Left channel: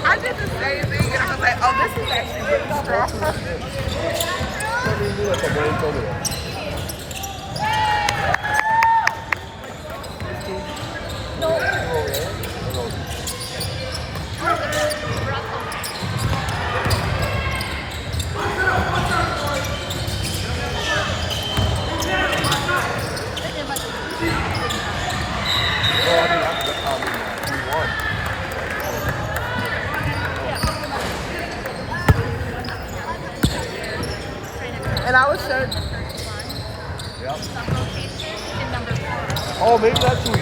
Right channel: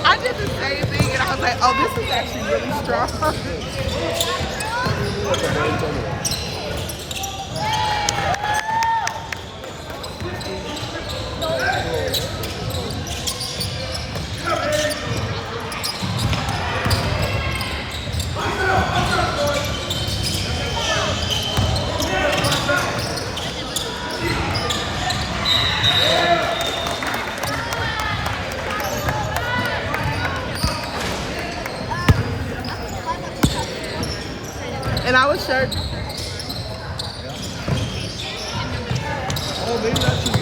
I did the same thing, and I was like, oh, this is actually really strong. And I was sure. Oh, maybe that's you.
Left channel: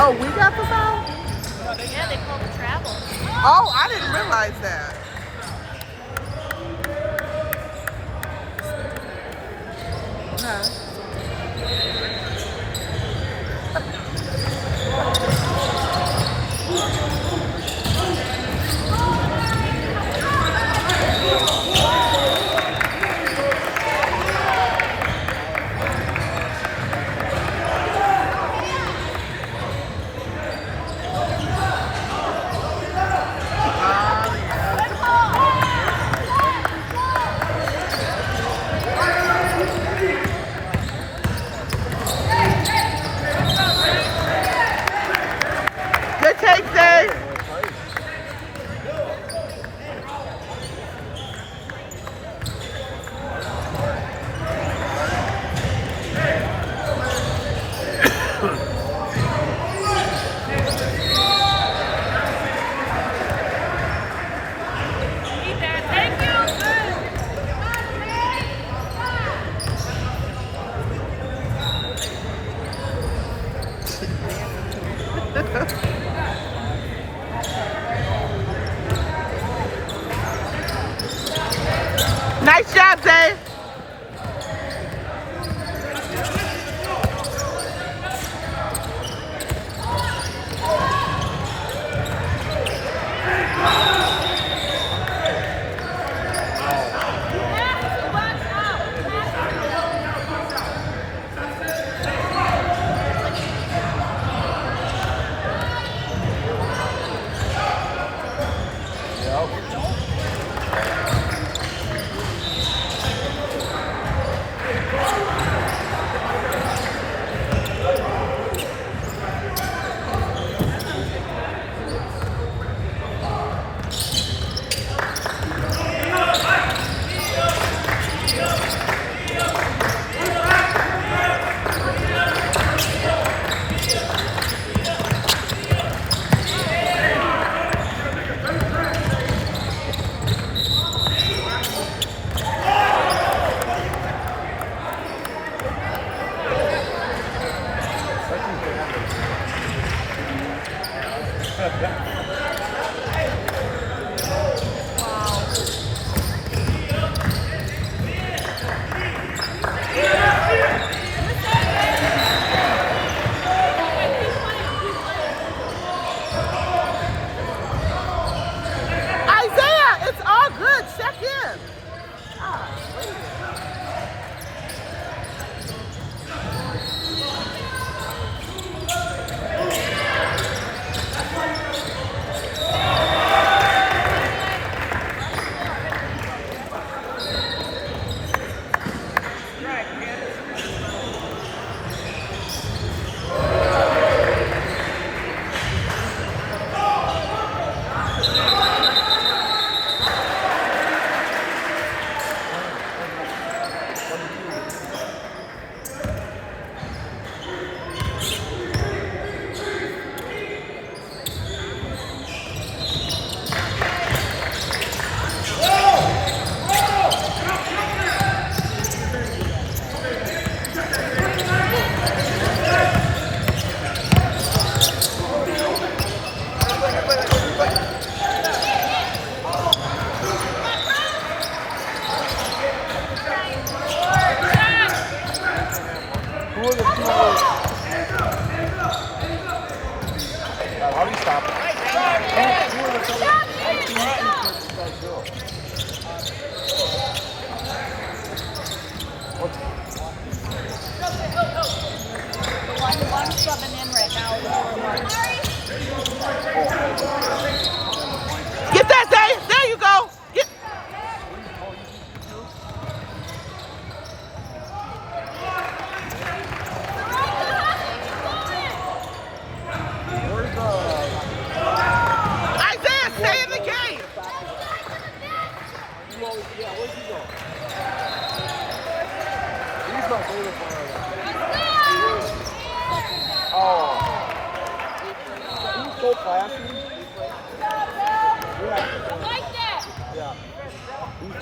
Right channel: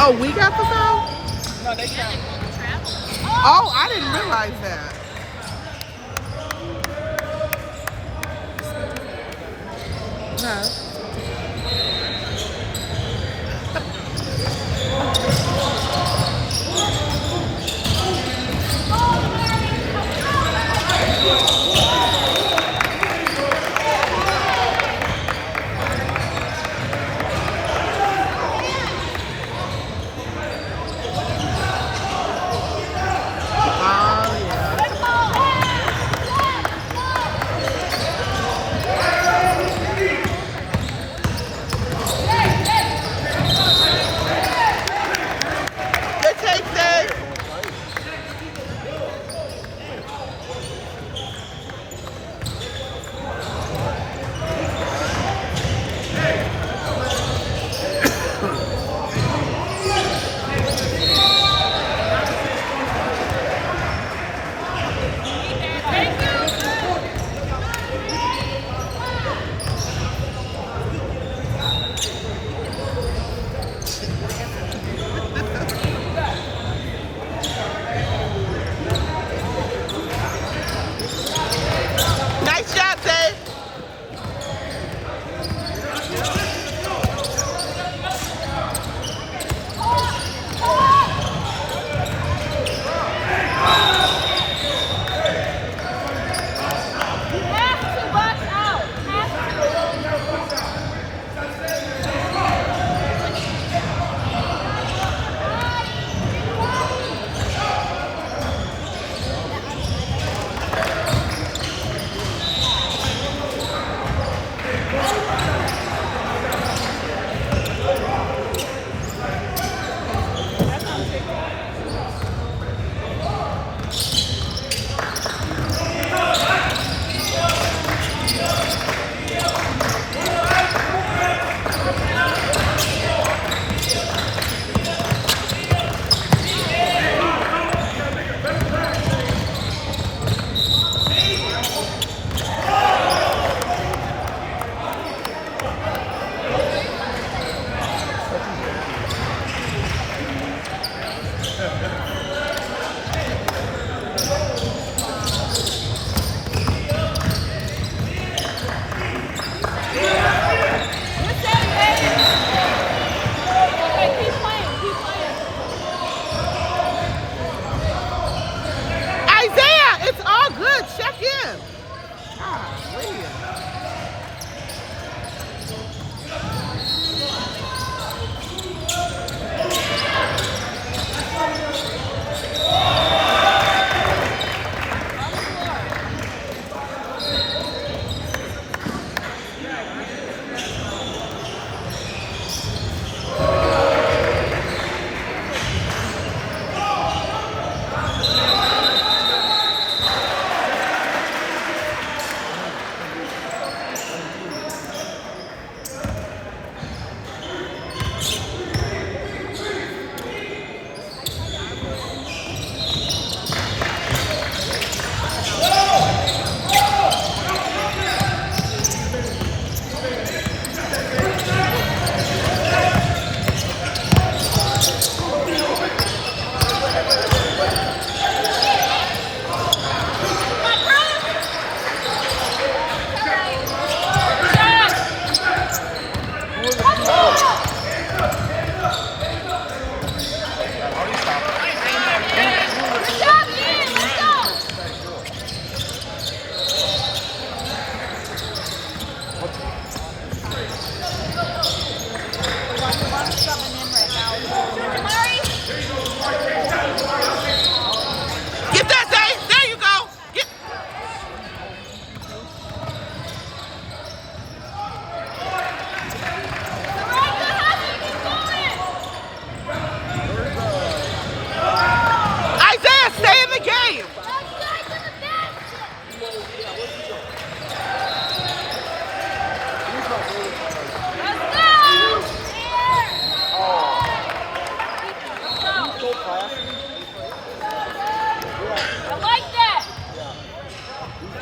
Oh, we got the phone? No, they call the travel. Oh, I didn't realize that. Good take, Zay.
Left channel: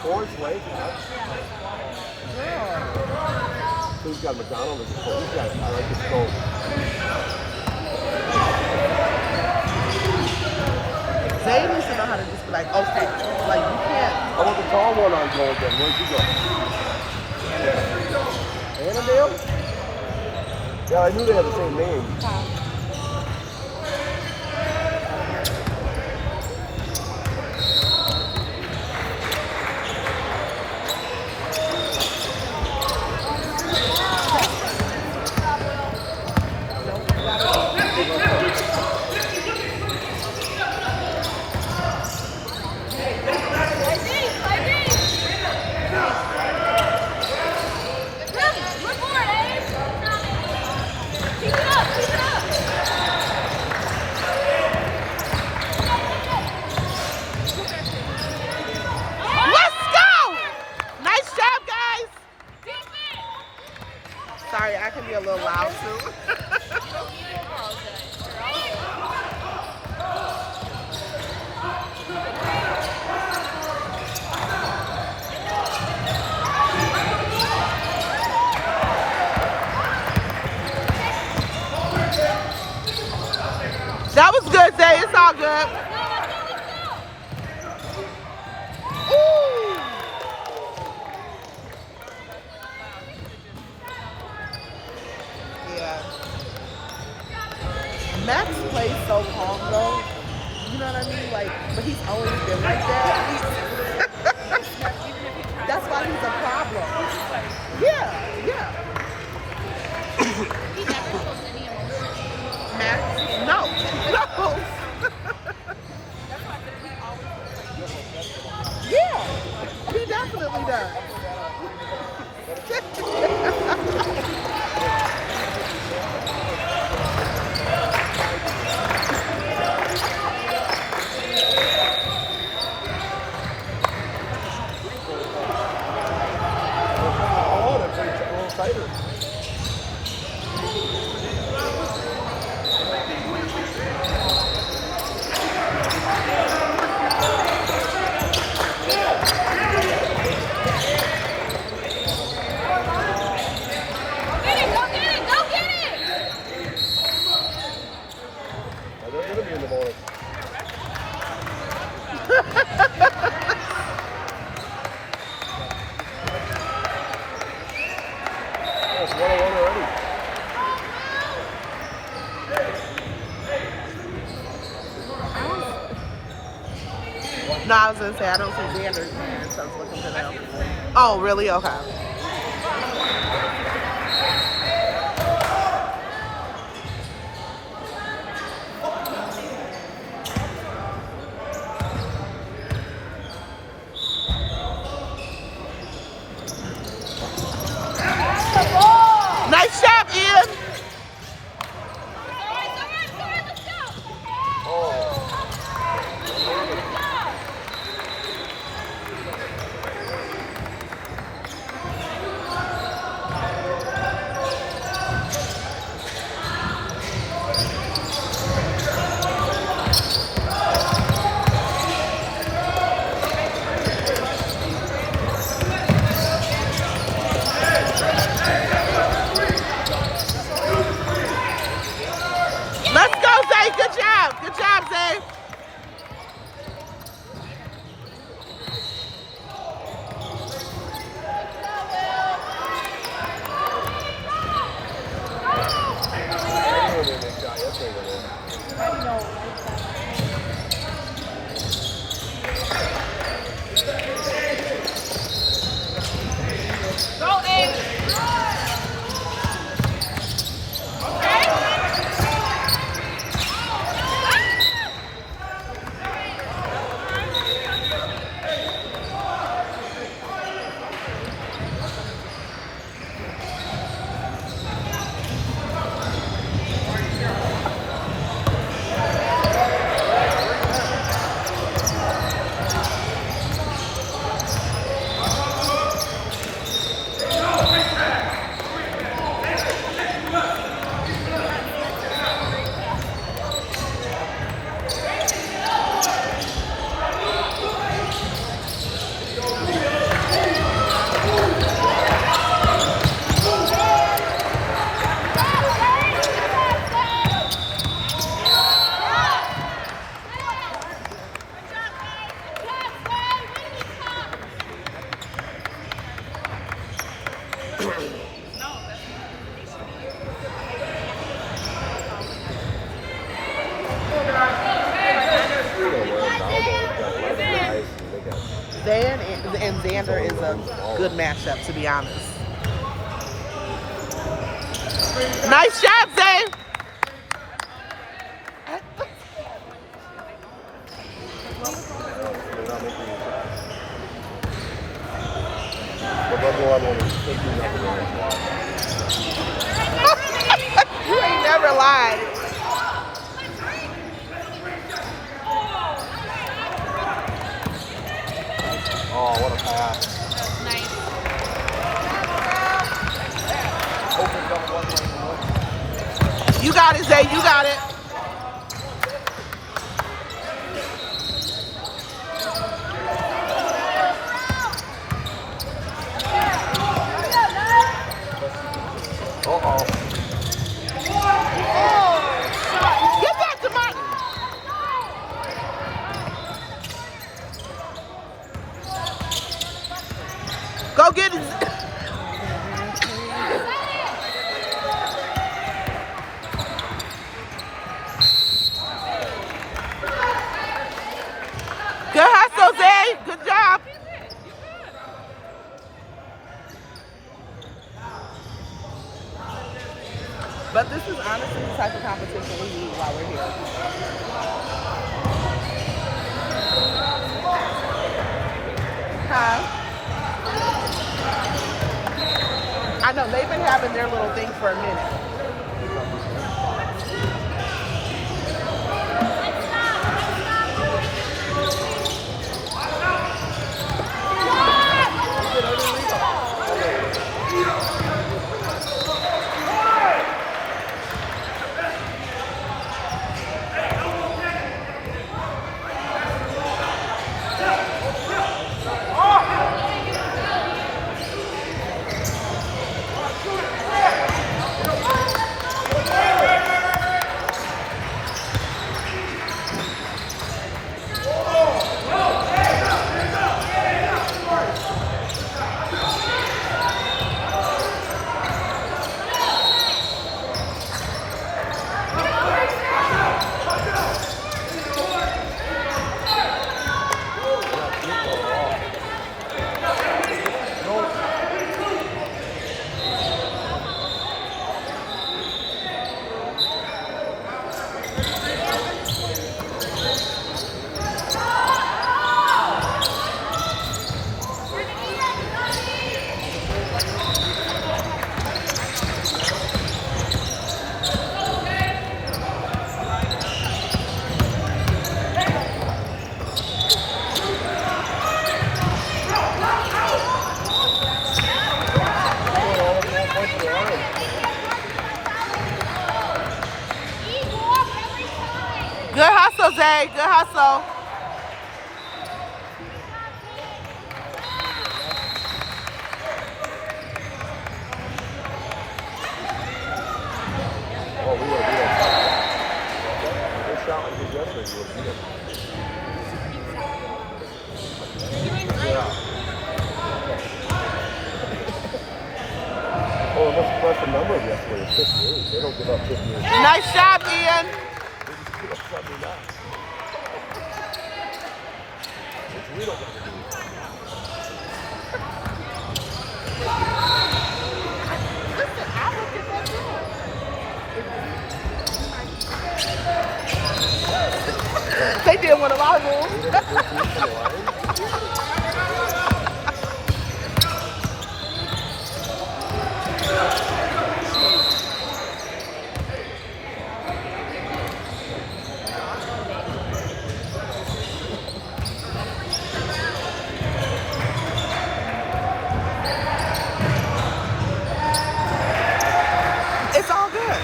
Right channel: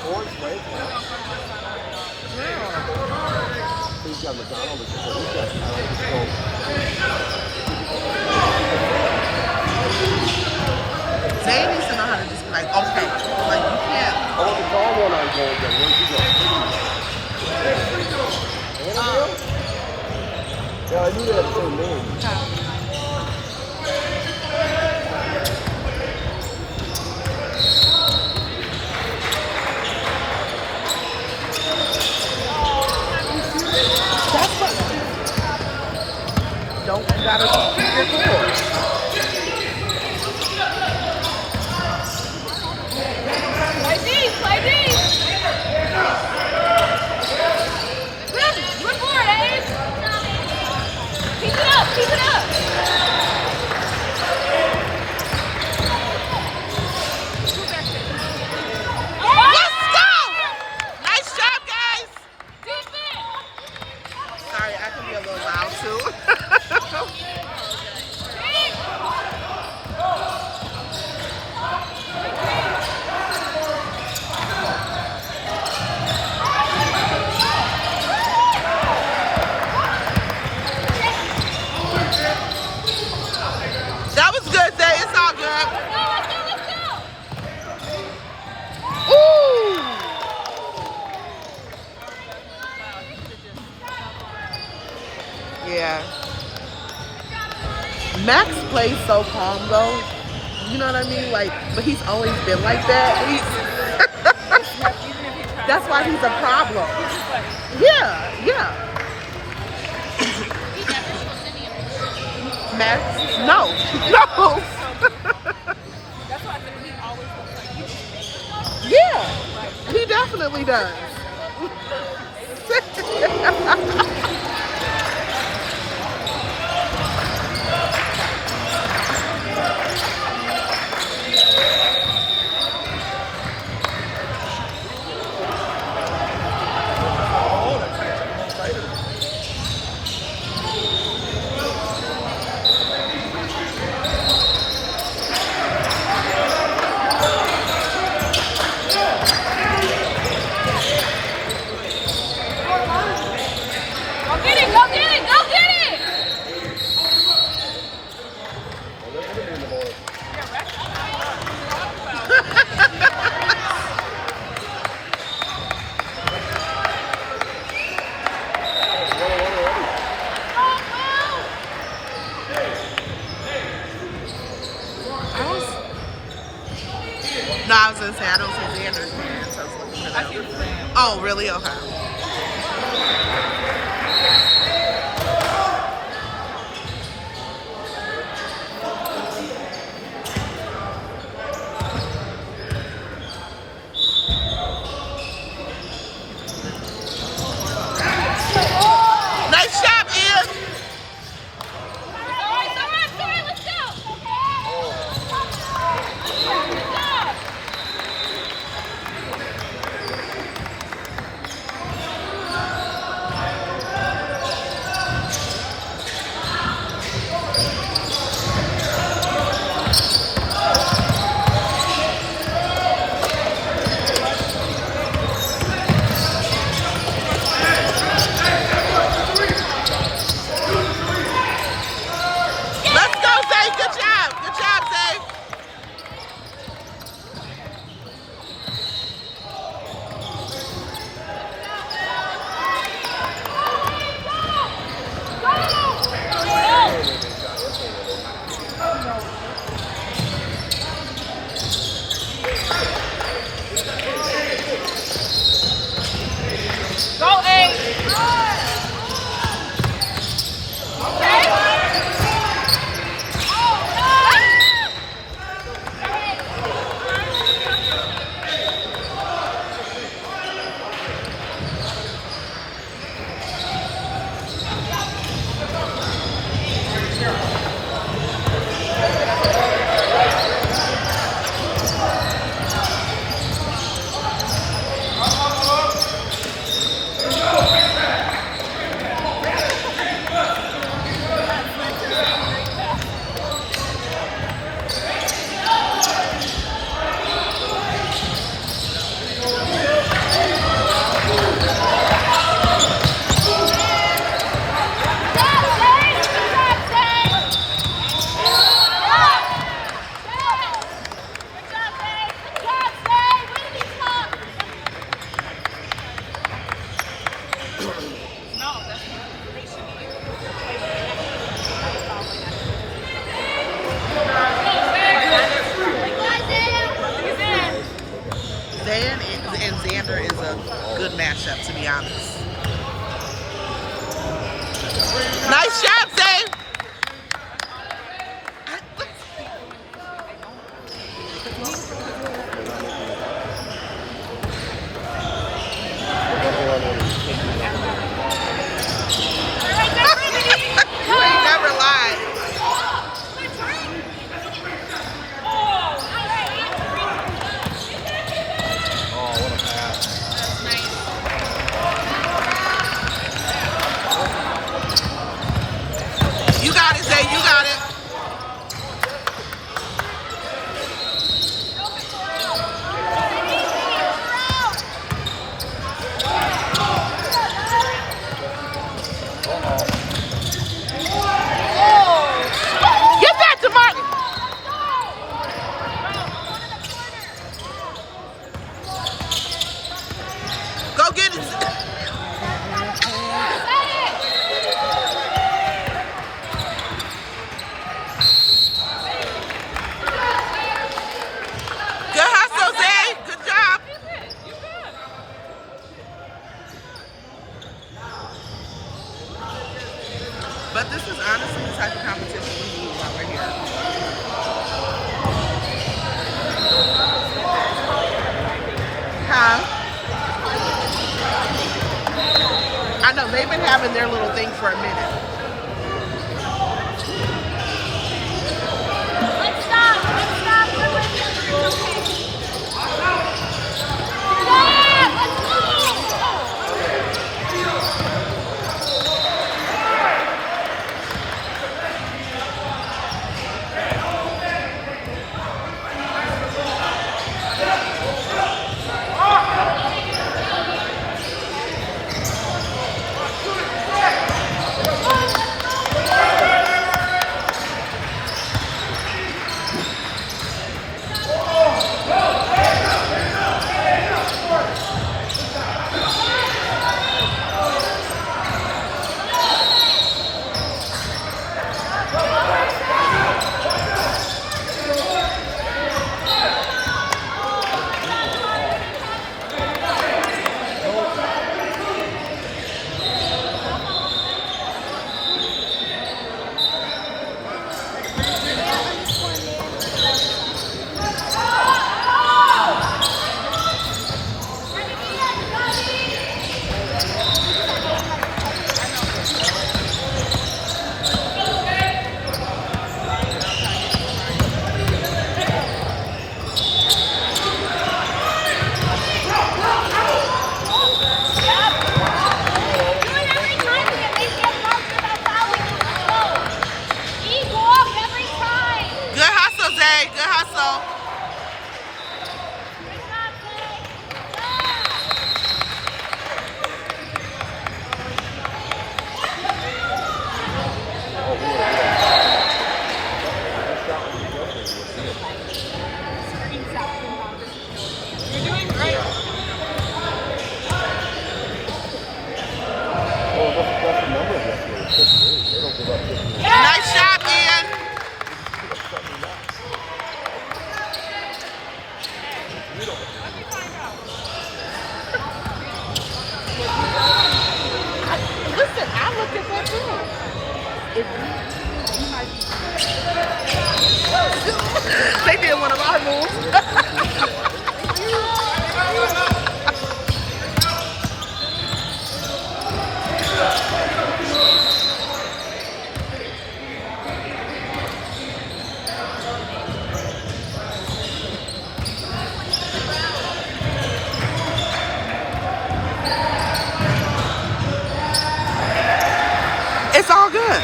Zay needs to know how to just be like, okay, like you can't. I knew they had the same name. That's what. Don't gotta. Sorry, I can be a little loud too. That was good, Zay. It's all good. Ooh. Yeah. Max plays so calm though. You know what I mean? Like, but he's always been like that. That's why he's a problem. Yeah, yeah. Max, no, no. Yeah, he definitely does. No, I was gonna say I don't see Xander's parents. I was looking for them. Oh, really? Okay. Nice job, Ian. Zion and Xander is a good matchup, to be honest. Nice shot, Zay. You ain't never lied. Oh, what a pass. You got it, Zay. You got it. Uh-oh. Get back to Martin. Go get it. Good hustle, Zay. Good job. But this is honestly the type of competition we need while we're here. Huh? I know, they've been having their little thing for a minute. Good hustle, Zay. Good hustle. Nice shot, Ian. Listen, I looked at that too. They did one of our moves. It's all good.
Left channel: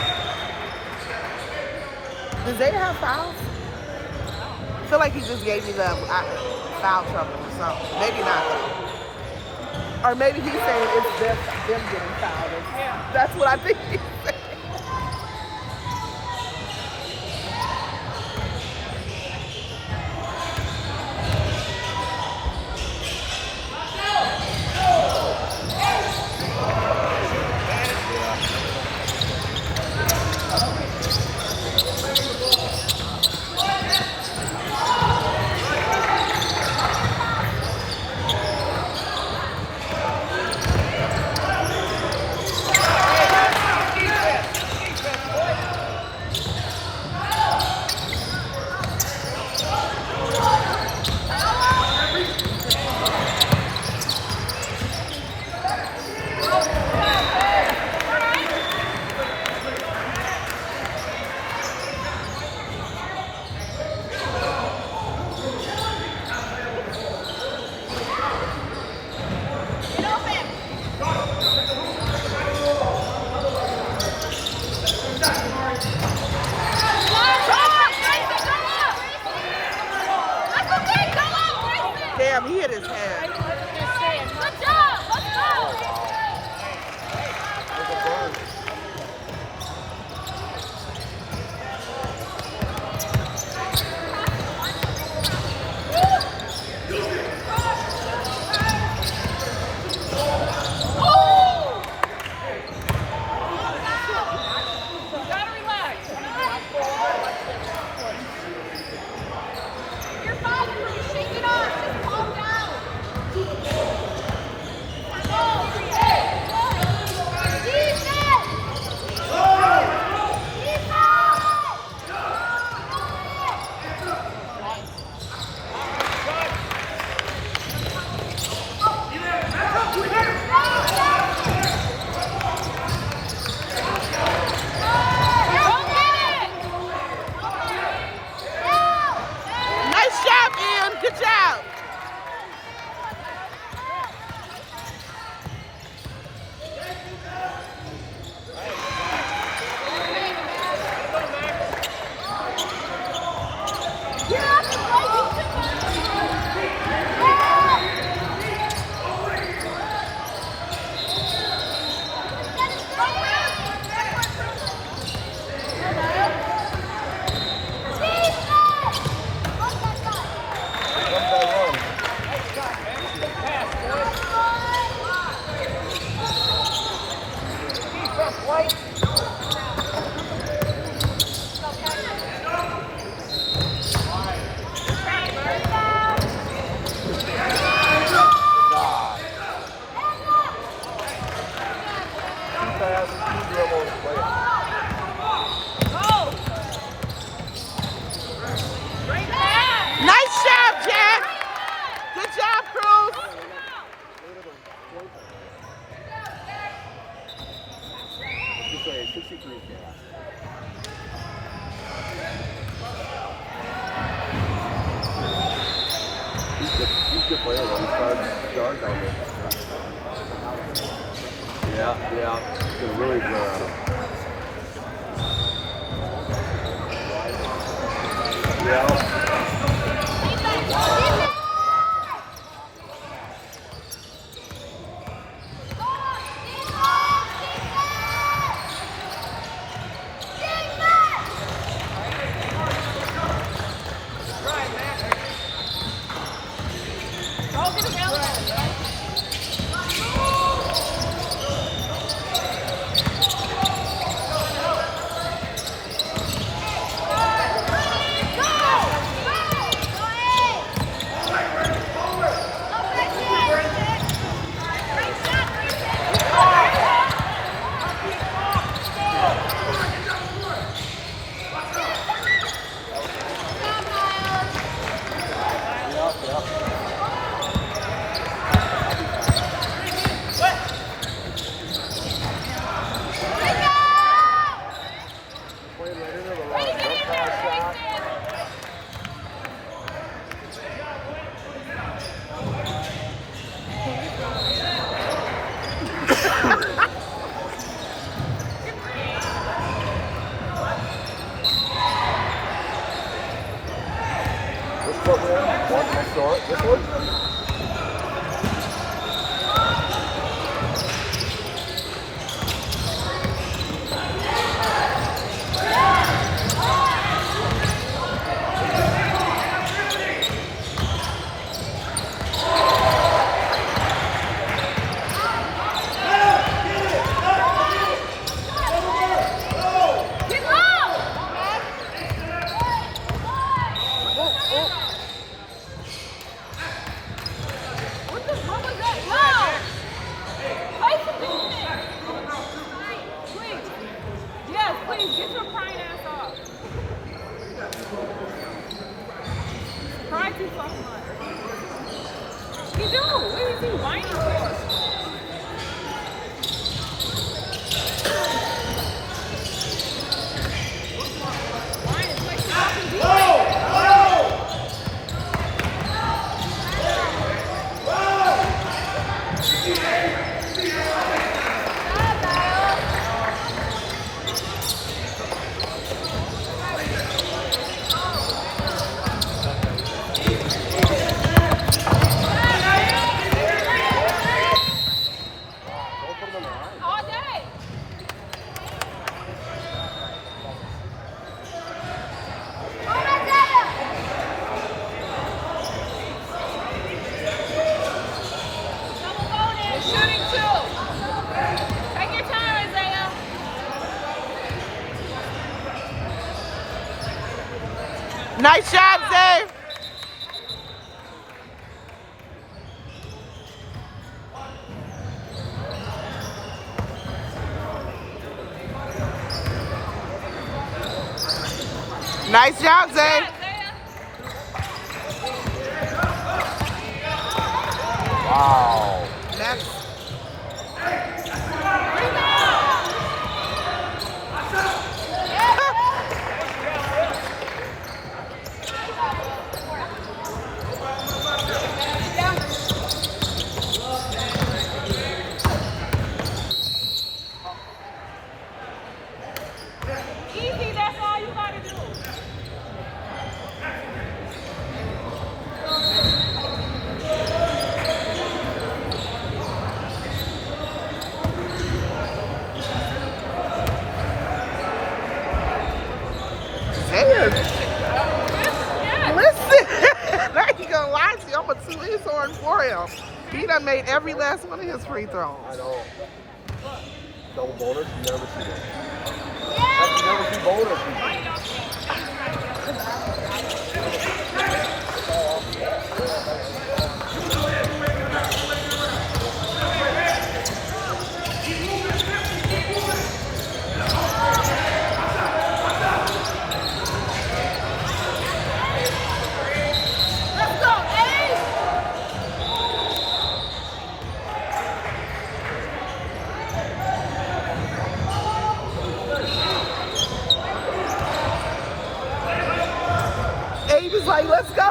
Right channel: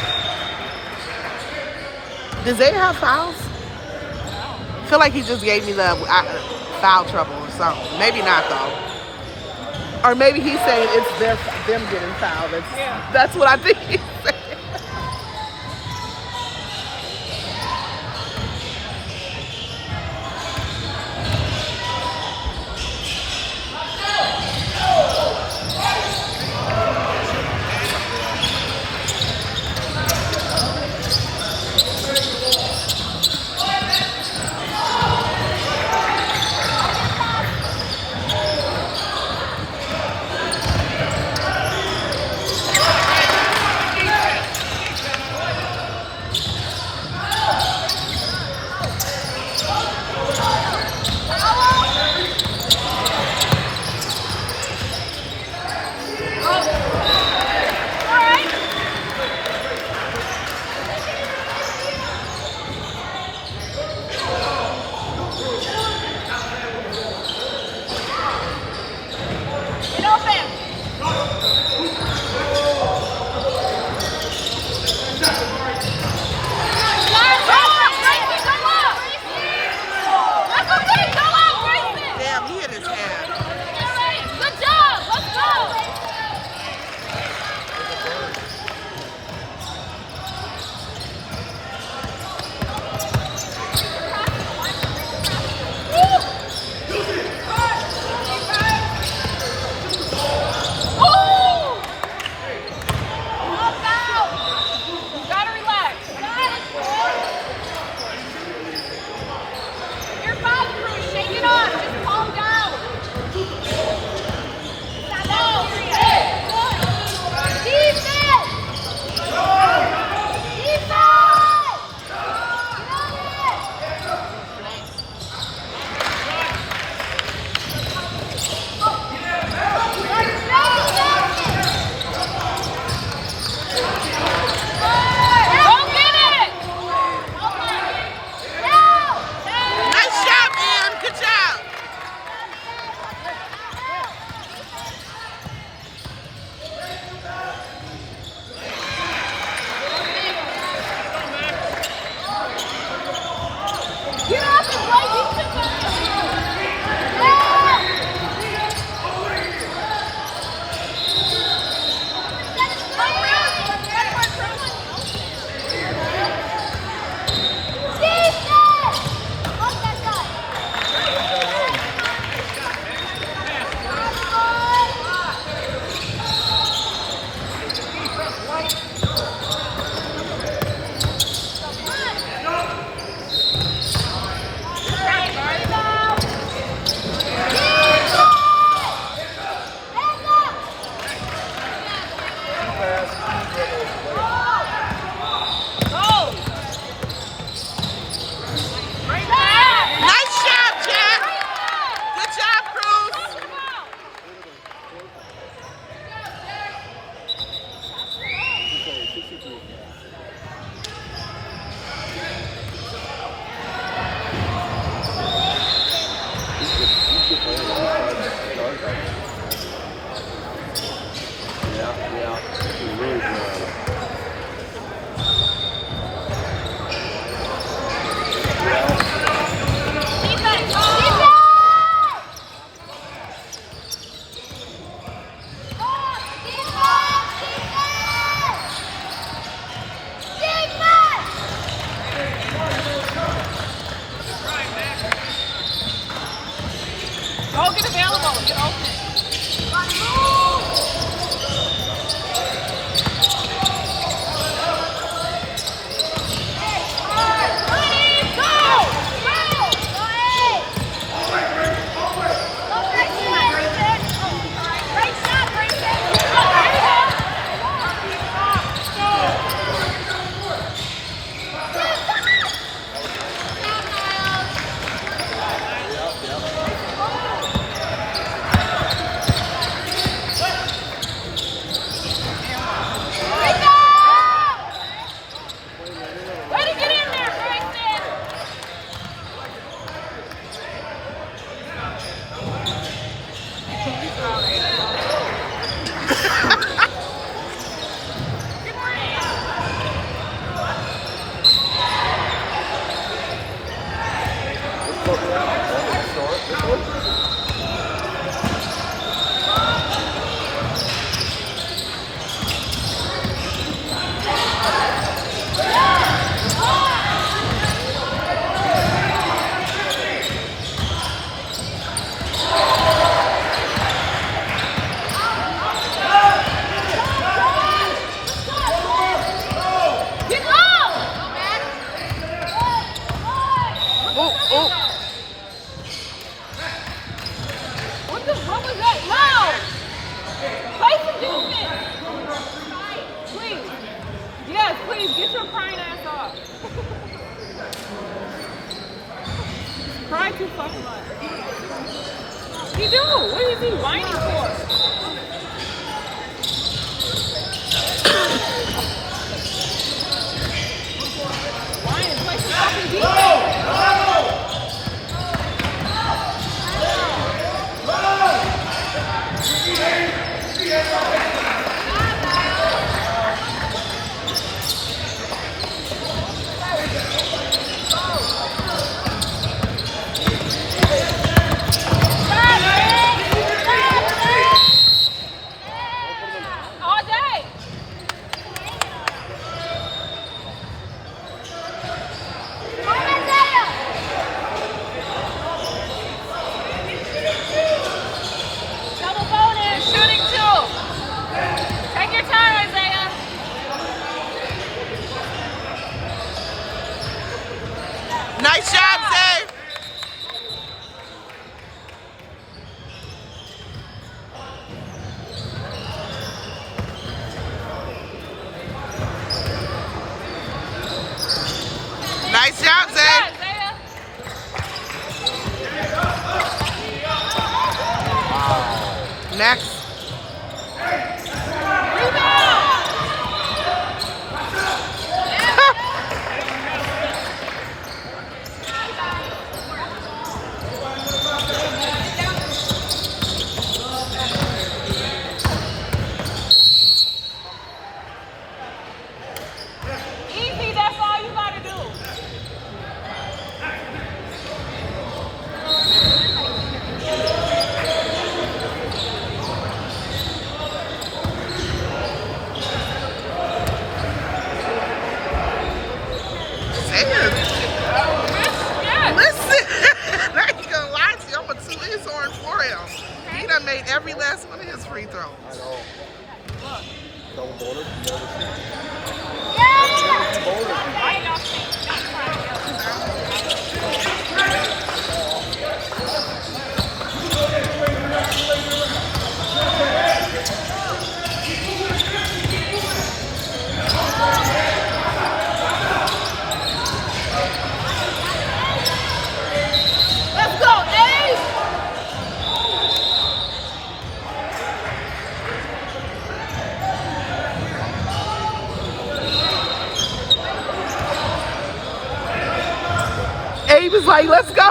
Does they have fouls? I feel like he just gave me the foul trouble or something. Maybe not though. Or maybe he's saying it's them getting fouled. That's what I think he's saying. Nice job, Zay. Nice job, Zay. Wow. Next. Easy, that's all you gotta do. Listen, now you gonna watch him. I'm gonna toot his horn for him. He done made every last one of his free throws. Double bonus. Let's go, Eddie! Abe is like, let's go.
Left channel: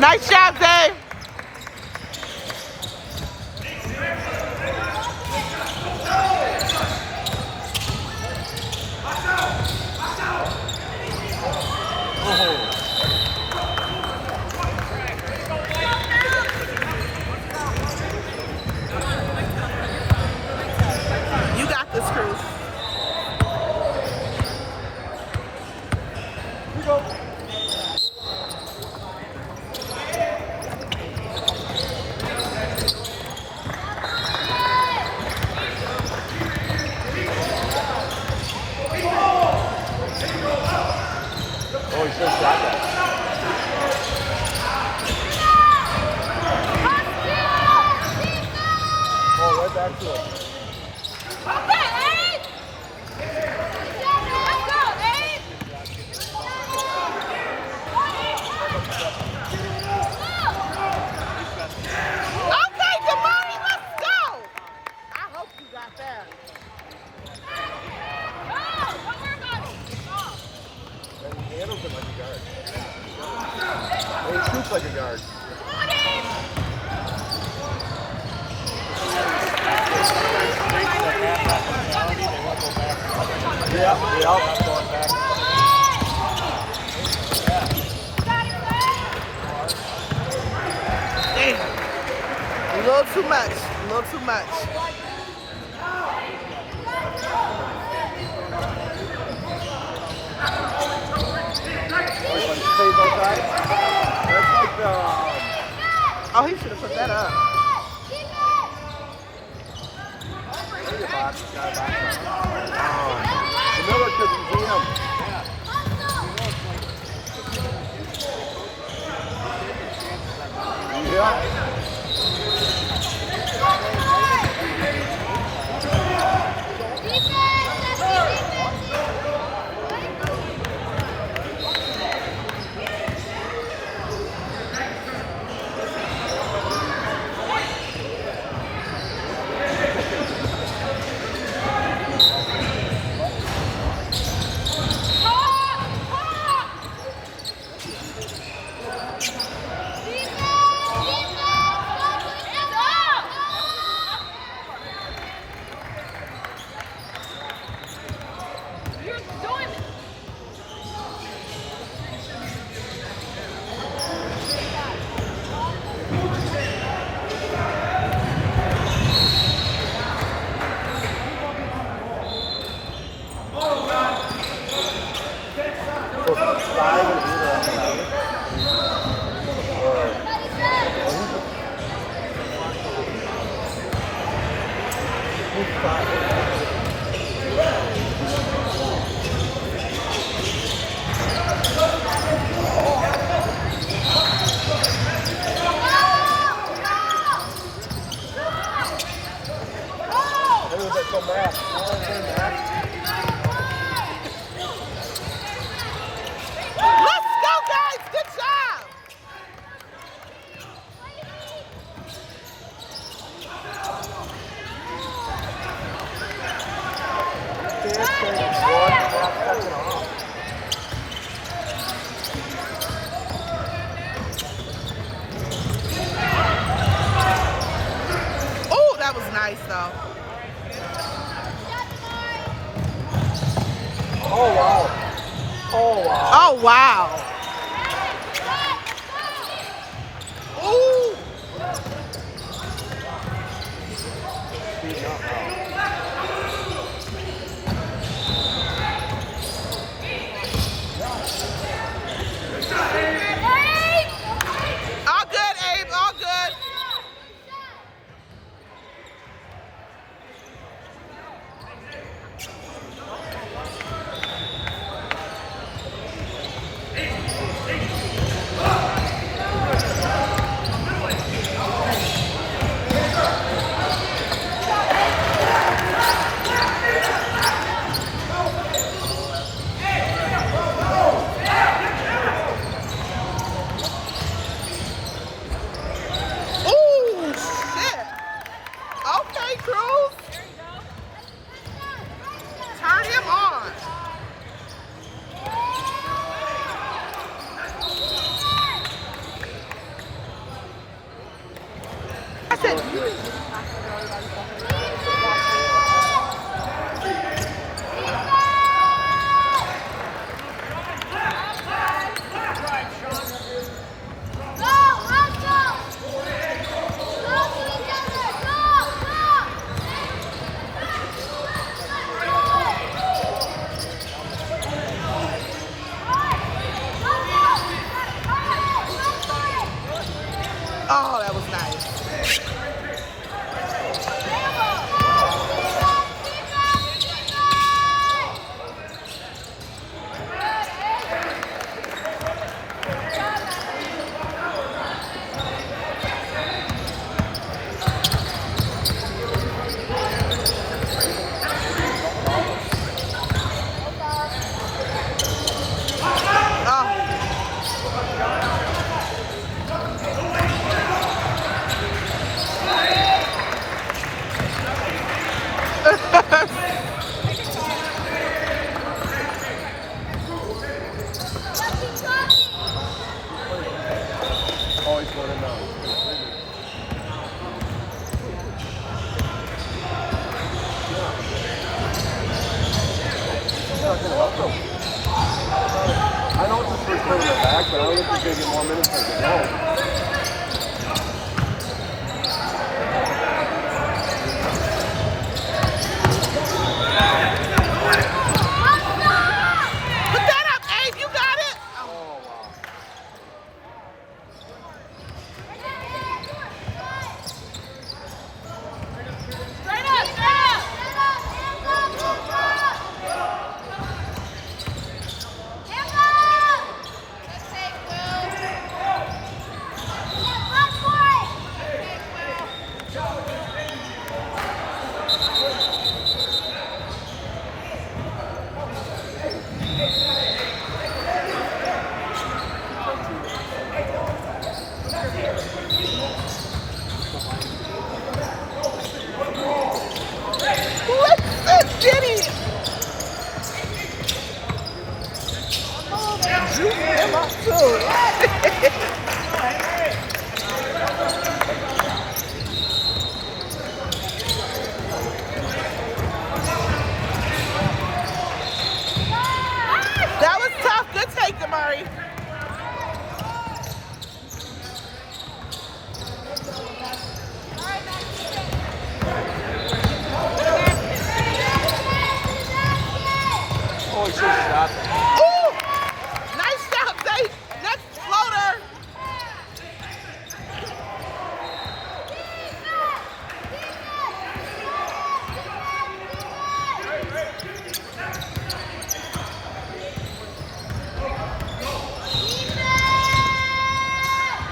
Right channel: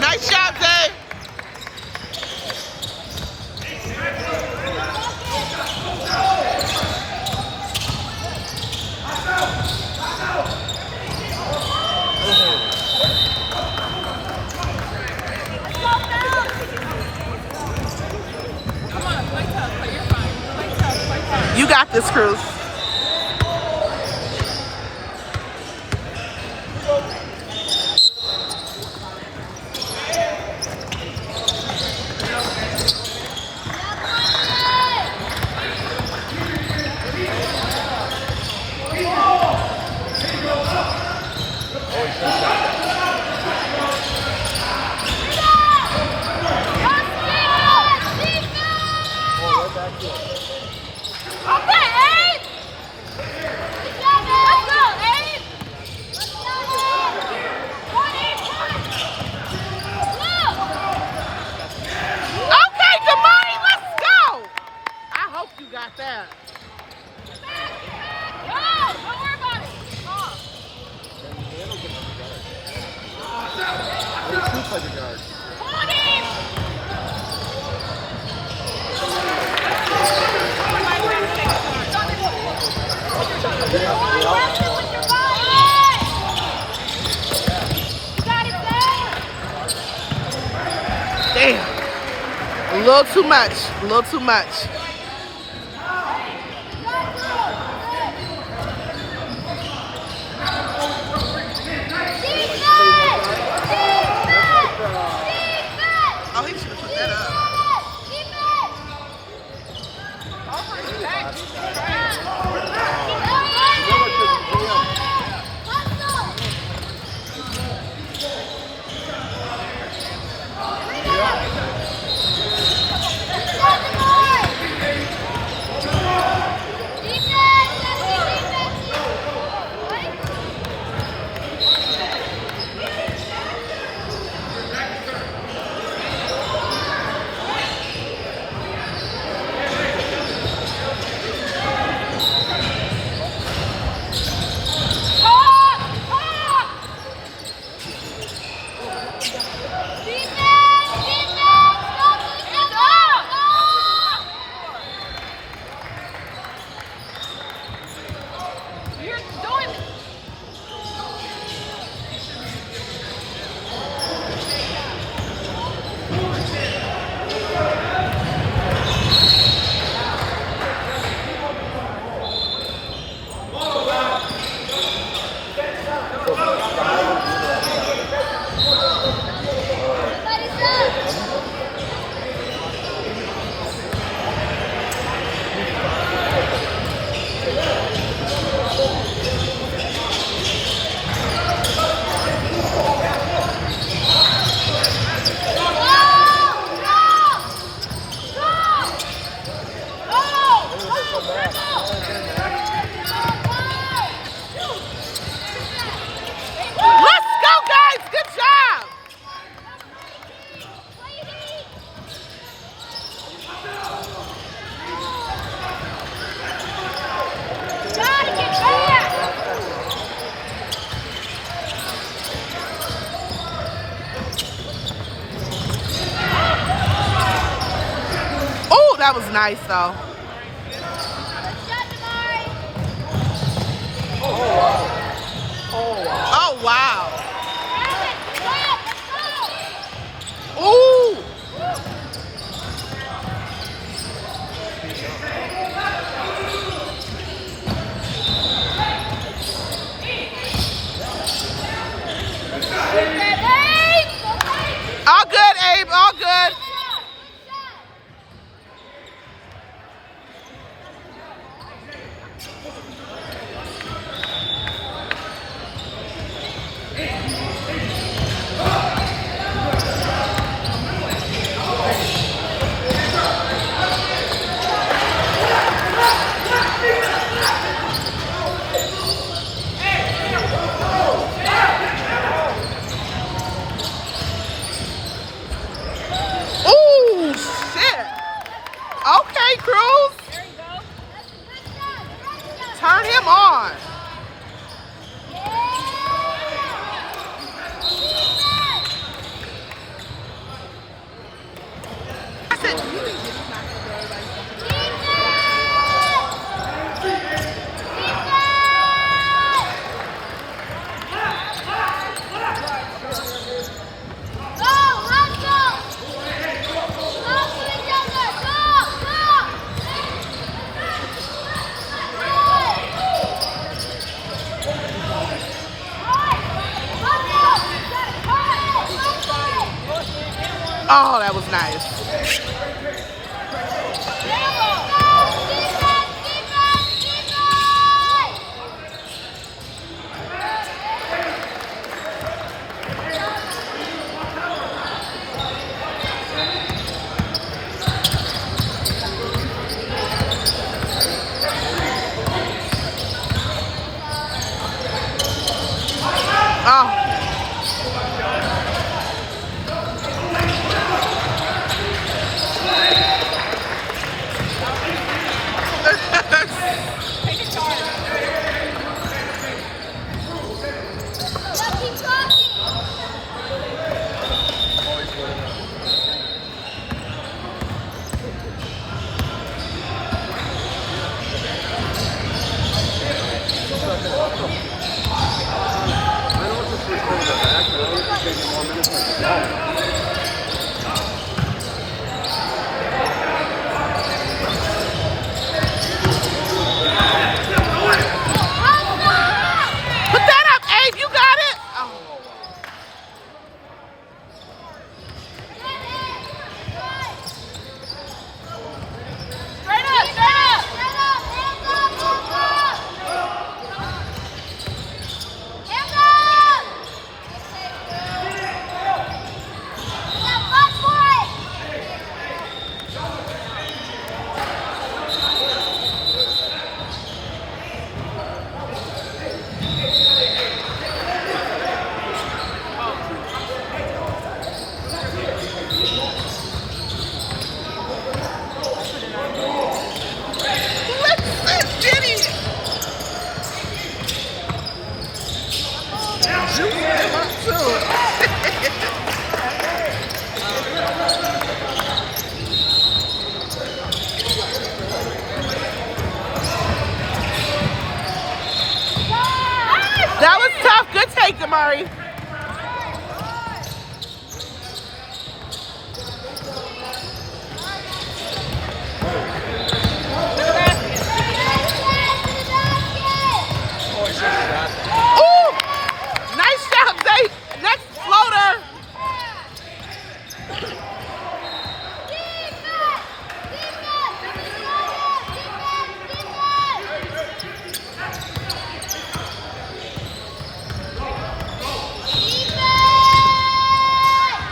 Nice job, Dave. You got this, Cruz. Oh, he should have shot that. Oh, right back to it. Okay, Eddie! Let's go, Eddie! Okay, Damani, let's go. I hope you got that. Don't worry about it. play the guard. Damn. A little too much. A little too much. Oh, he should have put that up. That was nice though. Oh wow. Oh wow. Oh wow. Ooh. All good, Abe. All good. juice him up too. That was tough. Good take, Amari. Oh, it's just shot. Ooh! Nice shot, Zay. Next floater.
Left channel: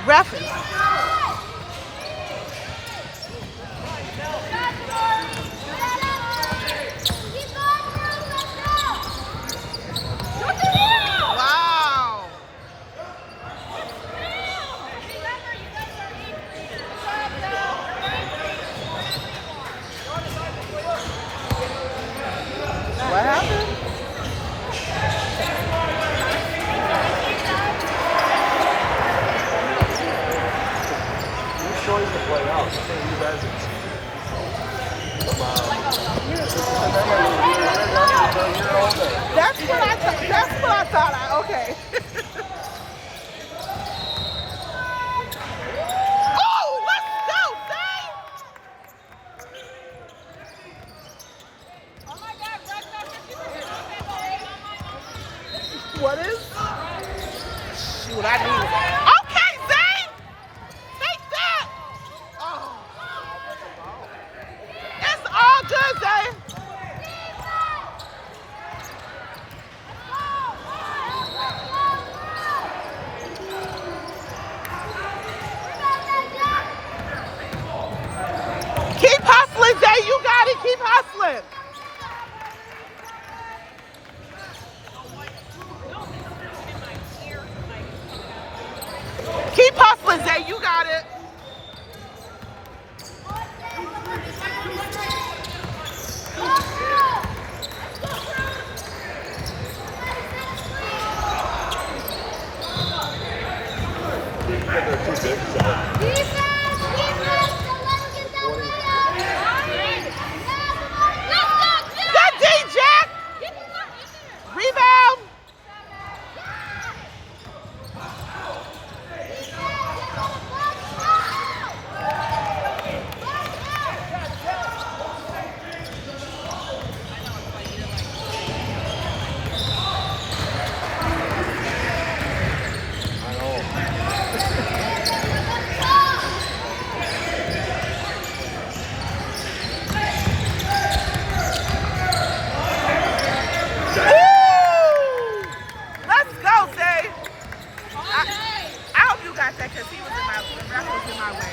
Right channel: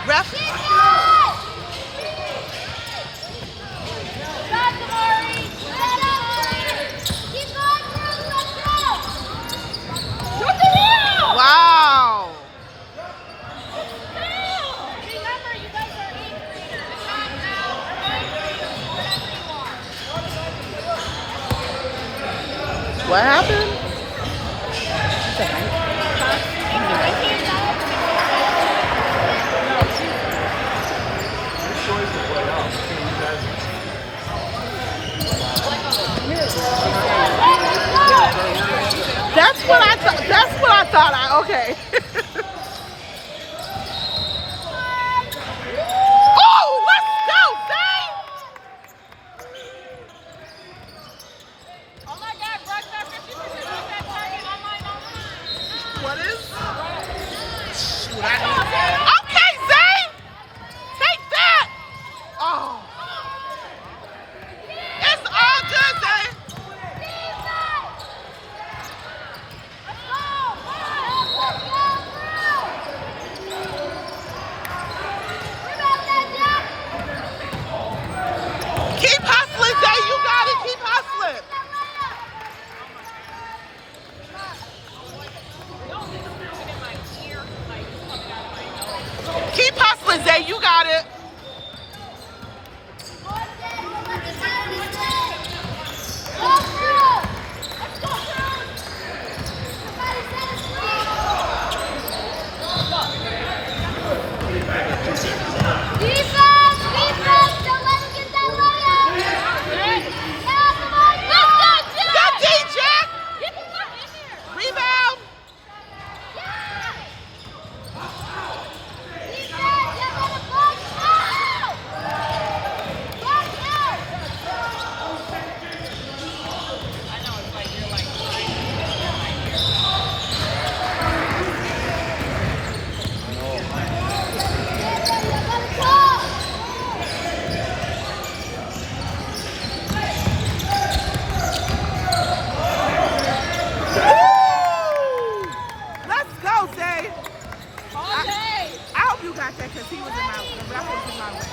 Ref. Wow. What happened? Your choice to play out. You guys That's what I thought. That's what I thought. Okay. Oh, let's go, Zay! What is? Shoot, I need. Okay, Zay! Take that! Oh. It's all good, Zay. Keep hustling, Zay. You got it. Keep hustling. Keep hustling, Zay. You got it. Good D, Jack. Rebound. Let's go, Zay. I hope you got that because he was in my that was in my way.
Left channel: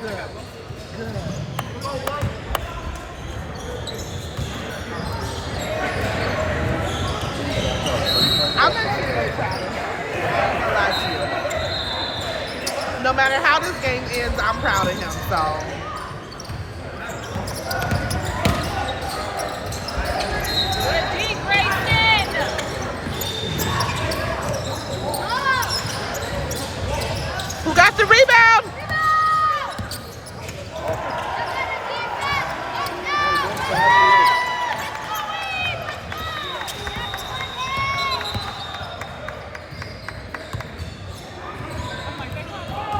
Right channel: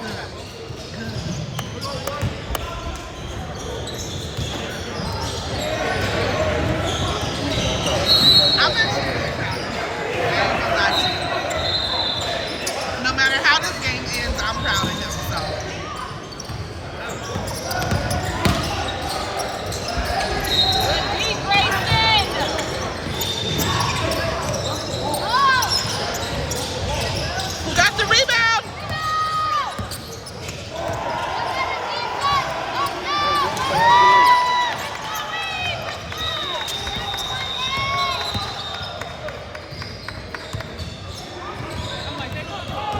Good. Good. I'm actually proud of him. I ain't gonna lie to you. No matter how this game ends, I'm proud of him. So. Who got the rebound?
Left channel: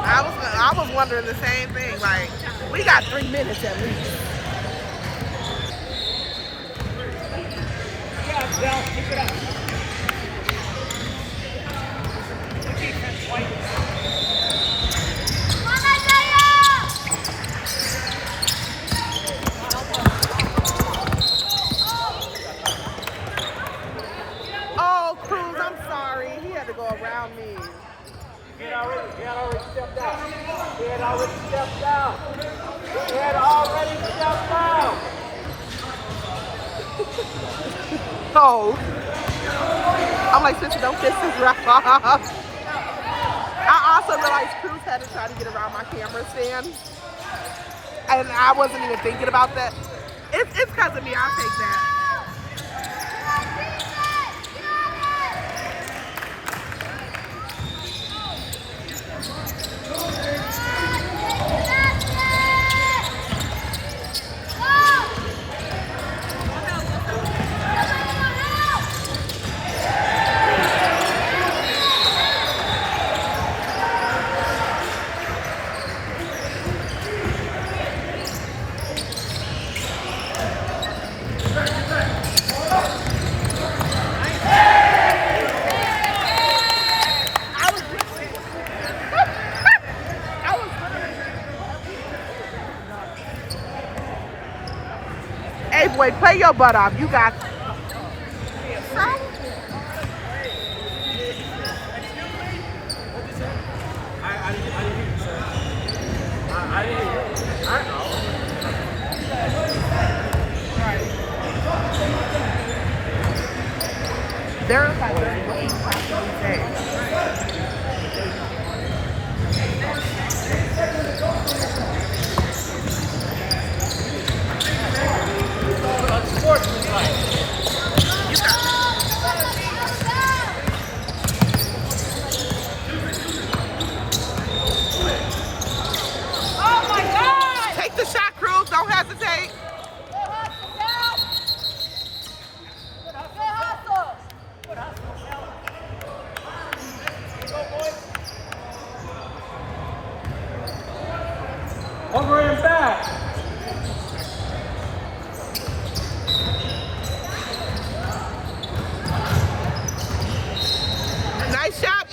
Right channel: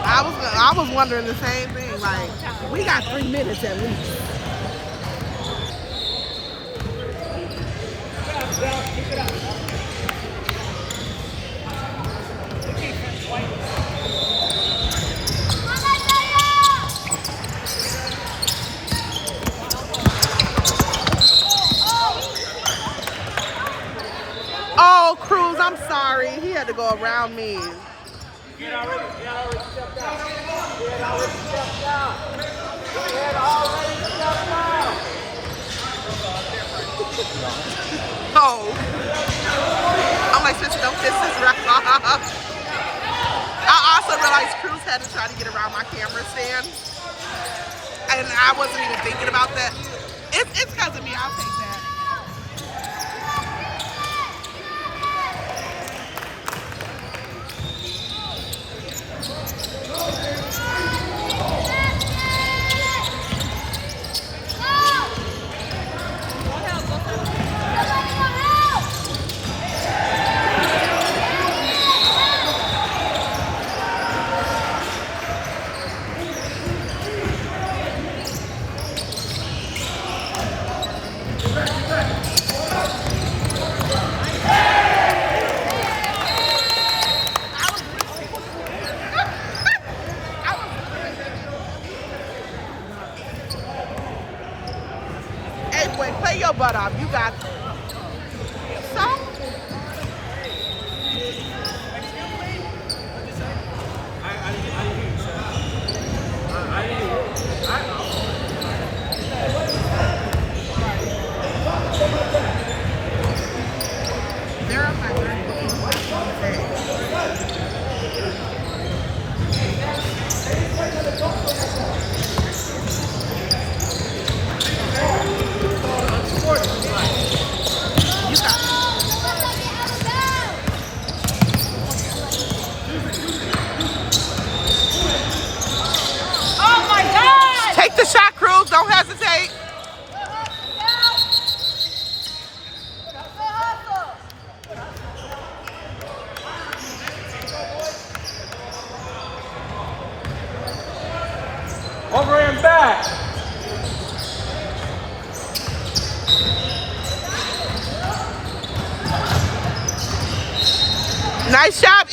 I was wondering the same thing. Like, we got 3 minutes at least. Oh, Cruz, I'm sorry. He had to go around me. Oh. I'm like, sister, don't kiss this rock. I also realized Cruz had to try to get around my camera stand. And I wasn't even thinking about that. It's because of me. I'll take that. Hey boy, play your butt off. You got so. Verify you got it. Oh my God! Take the shot, Cruz. Don't hesitate. Over and back. Nice shot,